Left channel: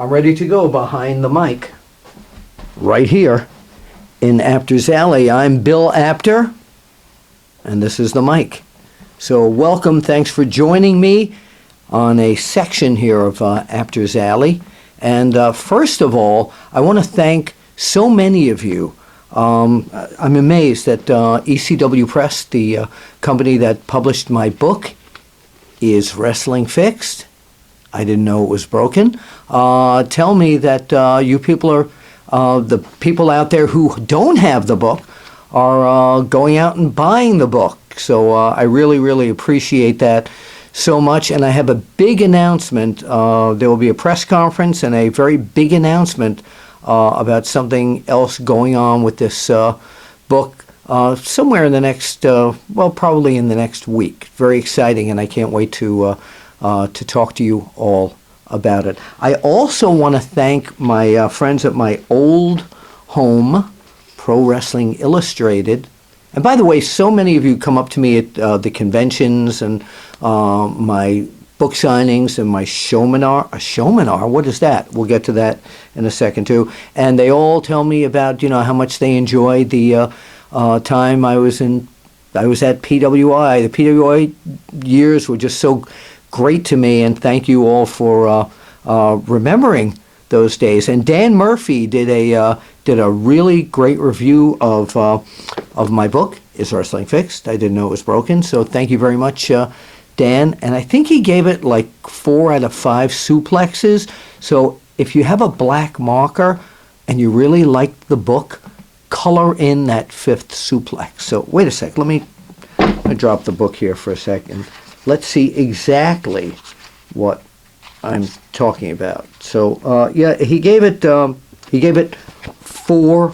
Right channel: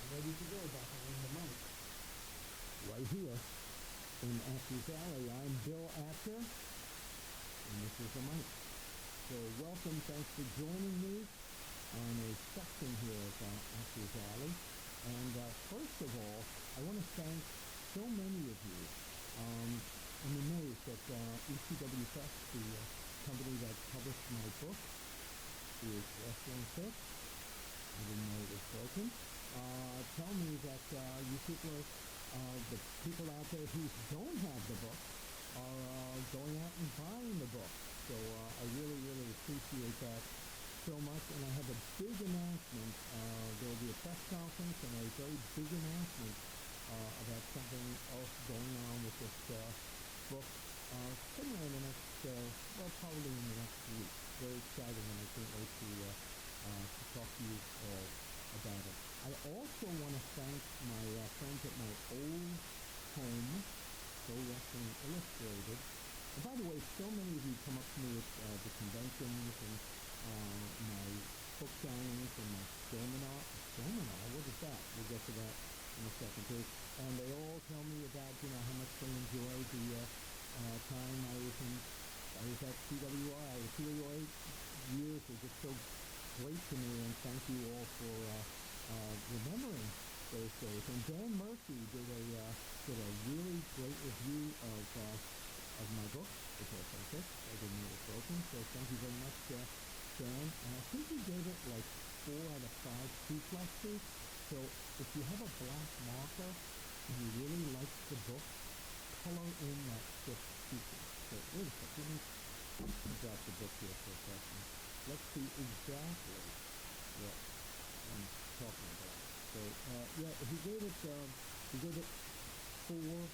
I'm ready to go behind the mic. Right here in Apter's Alley. I'm Bill Apter, and this is the mic. So welcome, thanks for joining me on a section here of Apter's Alley. And first of all, I want to thank so many of you. I'm amazed that ECW Press, the company that published my book, Is Wrestling Fixed? I didn't know it was broken. Tell me that you people are, the people out there who don't have the book are going out and buying the book. So I really, really appreciate that so much. And I have a big announcement. There will be a press conference and a very big announcement about something else going on with this book somewhere in the next, well, probably in the next week. Very exciting, and I can't wait to talk to you all about it. I also want to thank my friends at my old home, Pro Wrestling Illustrated. And by the way, so many of you come up to me at the conventions and my book signings and my showminar. A showminar? What is that? We'll get to that in a second too. And they all tell me about, how much they enjoyed the time I was at PWI. The PWI years were just so great to me, and thank you all for remembering those days. And Dan Murphy did a really great review of my book, Is Wrestling Fixed? I didn't know it was broken, so thank you very much, Dan. And I think he gave it like 4 out of 5 suplexes. So if you have a black marker and you really liked the book, color in that 5th suplex. So wait a sec, let me drop the book here for a second. Let's see exactly what I'm talking about. So yeah, he gave it 4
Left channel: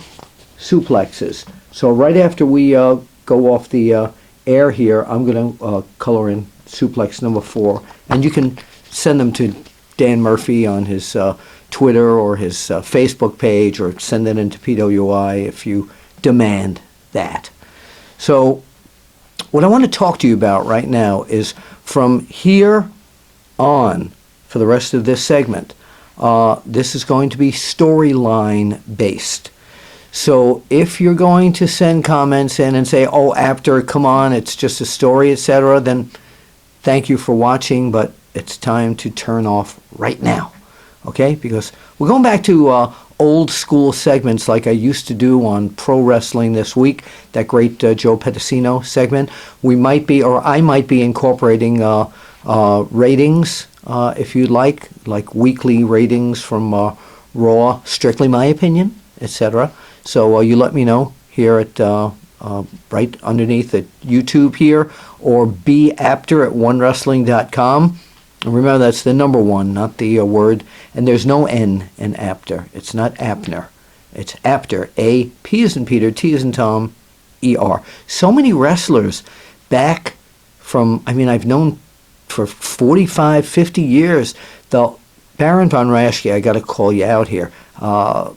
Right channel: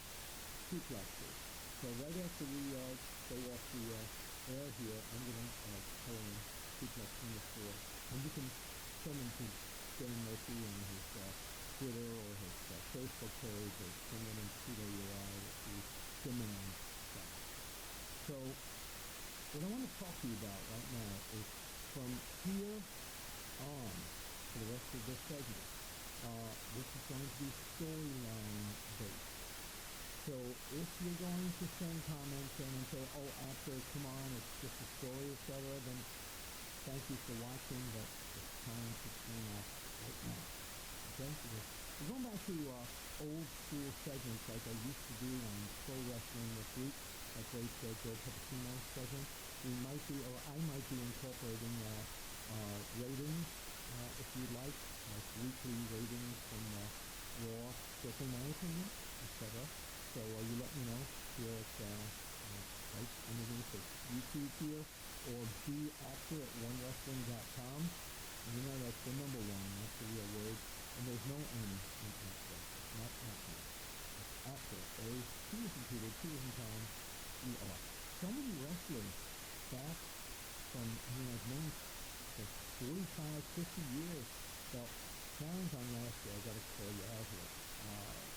suplexes. So right after we go off the air here, I'm going to color in suplex number 4, and you can send them to Dan Murphy on his Twitter or his Facebook page, or send it into PWI if you demand that. So what I want to talk to you about right now is, from here on, for the rest of this segment, this is going to be storyline based. So if you're going to send comments in and say, oh, Apter, come on, it's just a story, etc., then thank you for watching, but it's time to turn off right now, okay? Because we're going back to old school segments like I used to do on Pro Wrestling This Week, that great Joe Pedicino segment. We might be, or I might be, incorporating ratings, if you'd like weekly ratings from Raw, Strictly My Opinion, etc. So you let me know here at right underneath at YouTube here, or beapter@onewrestling.com. And remember, that's the number 1, not the word. And there's no N in Apter. It's not Apner. It's Apter. A, P as in Peter, T as in Tom, E-R. So many wrestlers back from, I've known for 45, 50 years. The Baron von Raschke, I got to call you out here. A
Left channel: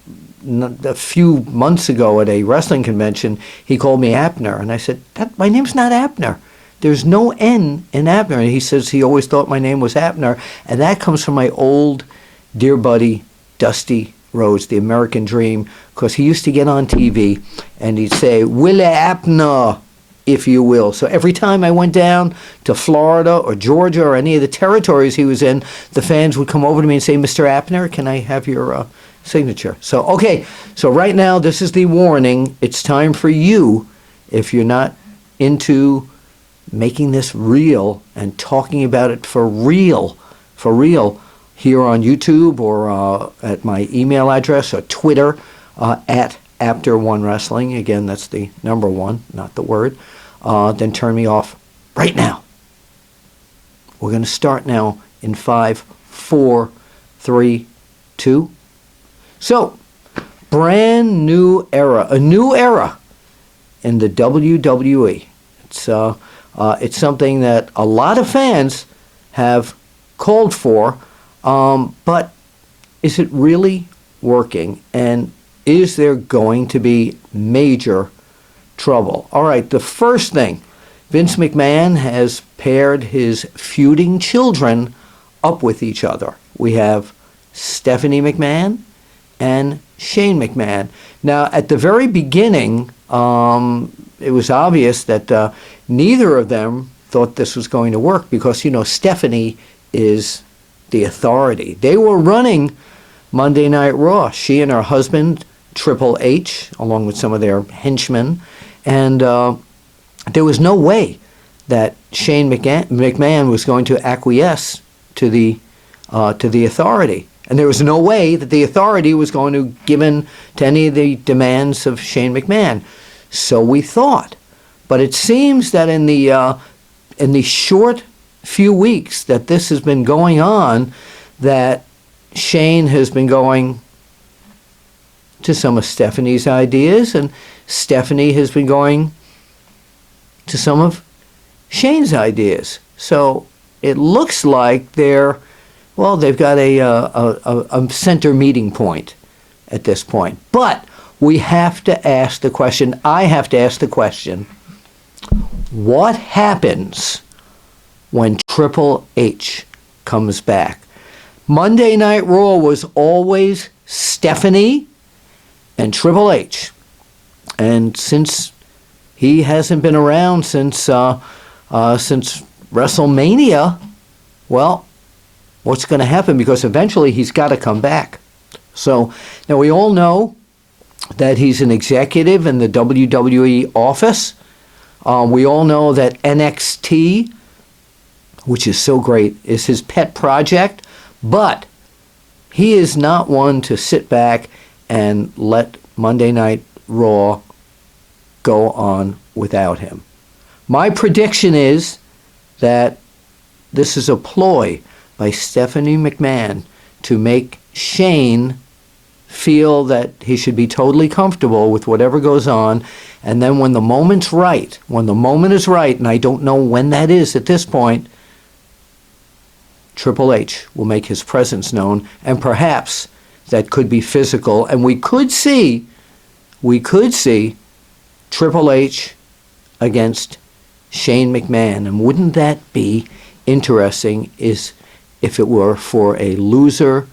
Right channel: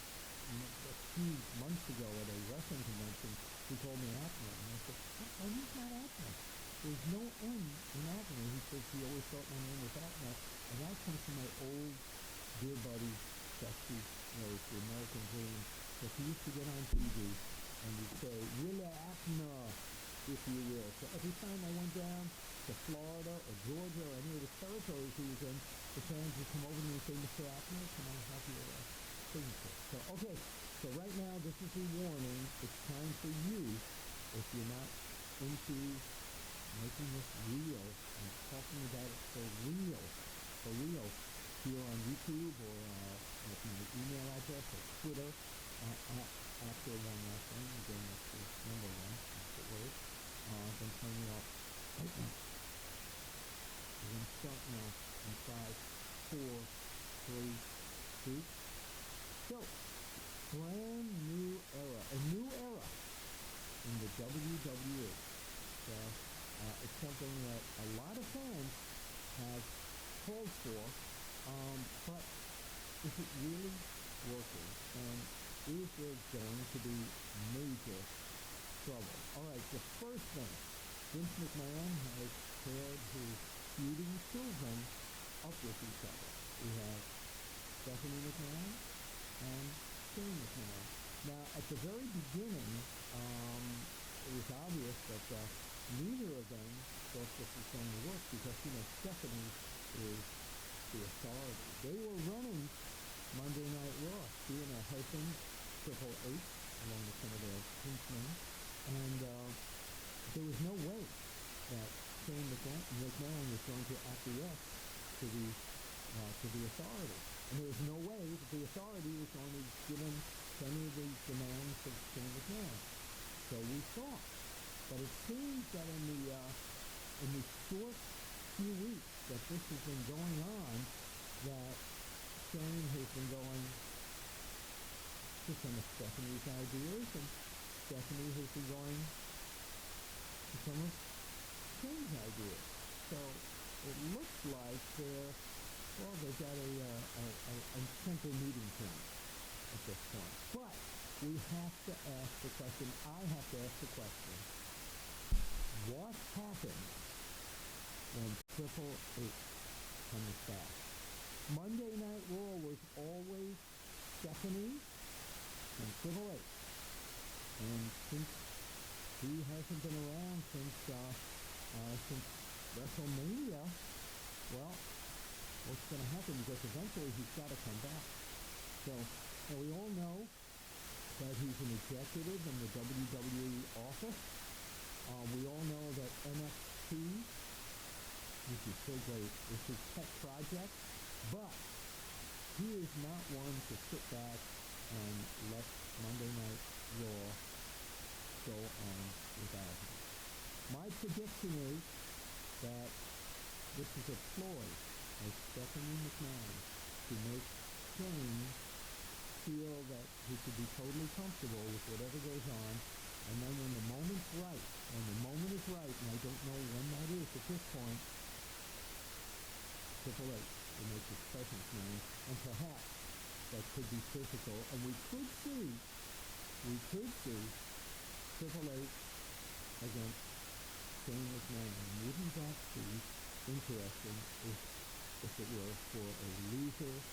few months ago at a wrestling convention, he called me Apner. And I said, my name's not Apner. There's no N in Apter. And he says he always thought my name was Apner. And that comes from my old dear buddy, Dusty Rhodes, the American Dream, because he used to get on TV and he'd say, Willie Apner, if you will. So every time I went down to Florida or Georgia or any of the territories he was in, the fans would come over to me and say, Mr. Apner, can I have your signature? So, okay, so right now this is the warning. It's time for you, if you're not into making this real and talking about it for real, here on YouTube or at my email address or Twitter at Apter1Wrestling. Again, that's the number 1, not the word. Then turn me off right now. We're going to start now in 5, 4, 3, 2. So, brand new era, a new era in the WWE. It's something that a lot of fans have called for, but is it really working? And is there going to be major trouble? All right, the first thing, Vince McMahon has paired his feuding children up with each other. We have Stephanie McMahon and Shane McMahon. Now, at the very beginning, it was obvious that neither of them thought this was going to work because, you know, Stephanie is the authority. They were running Monday Night Raw, she and her husband, Triple H, along with some of their henchmen, and there was no way that Shane McMahon was going to acquiesce to the authority. And there was no way that the authority was going to give in to any of the demands of Shane McMahon. So we thought. But it seems that in the short few weeks that this has been going on, that Shane has been going to some of Stephanie's ideas, and Stephanie has been going to some of Shane's ideas. So it looks like they've got a center meeting point at this point. But we have to ask the question, I have to ask the question, what happens when Triple H comes back? Monday Night Raw was always Stephanie and Triple H. And since he hasn't been around since WrestleMania, well, what's going to happen? Because eventually he's got to come back. So now we all know that he's an executive in the WWE office. We all know that NXT, which is so great, is his pet project. But he is not one to sit back and let Monday Night Raw go on without him. My prediction is that this is a ploy by Stephanie McMahon to make Shane feel that he should be totally comfortable with whatever goes on, and then when the moment's right, when the moment is right, and I don't know when that is at this point, Triple H will make his presence known, and perhaps that could be physical, and we could see Triple H against Shane McMahon. And wouldn't that be interesting if it were for a loser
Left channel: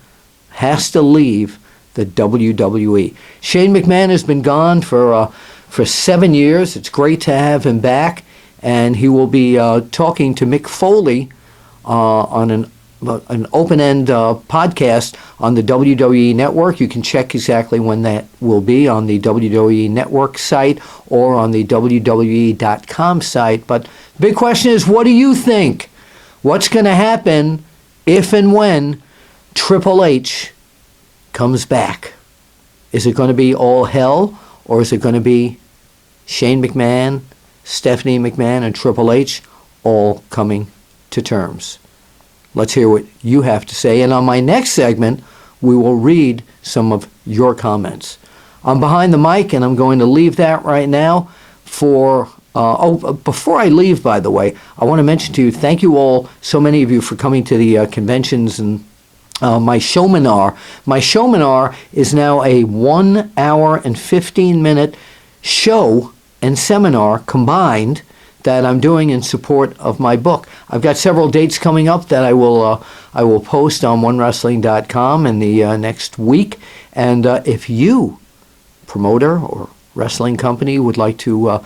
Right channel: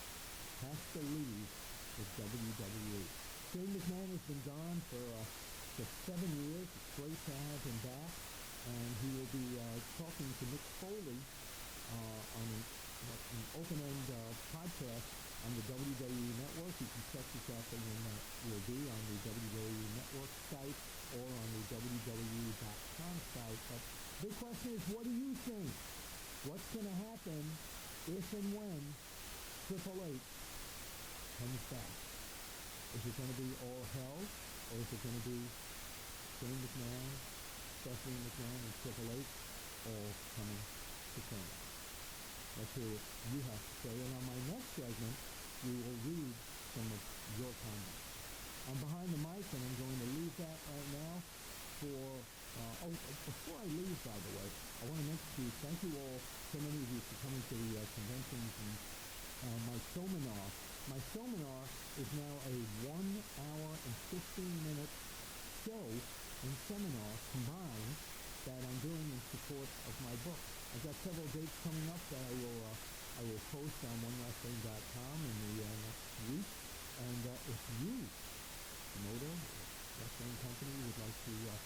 has to leave the WWE. Shane McMahon has been gone for 7 years. It's great to have him back, and he will be talking to Mick Foley on an open-end podcast on the WWE Network. You can check exactly when that will be on the WWE Network site or on the WWE.com site. But the big question is, what do you think? What's going to happen if and when Triple H comes back? Is it going to be all hell, or is it going to be Shane McMahon, Stephanie McMahon, and Triple H all coming to terms? Let's hear what you have to say. And on my next segment, we will read some of your comments. I'm behind the mic, and I'm going to leave that right now for... before I leave, by the way, I want to mention to you, thank you all, so many of you, for coming to the conventions and my showminar. My showminar is now a 1 hour and 15-minute show and seminar combined that I'm doing in support of my book. I've got several dates coming up that I will post on onewrestling.com in the next week. And if you, promoter or wrestling company, would like to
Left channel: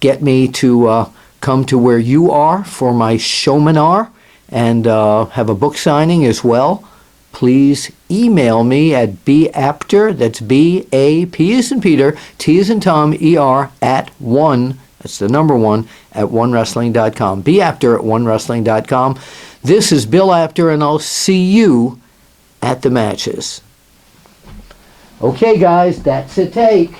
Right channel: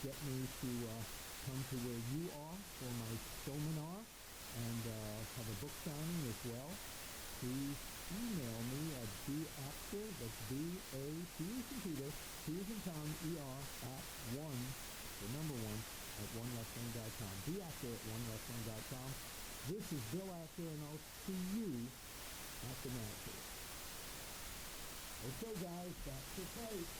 get me to come to where you are for my showminar and have a book signing as well, please email me at Apter, that's B-A-P as in Peter, T as in Tom, E-R, at 1, that's the number 1, at onewrestling.com. Apter at onewrestling.com. This is Bill Apter, and I'll see you at the matches. Okay, guys, that's a take.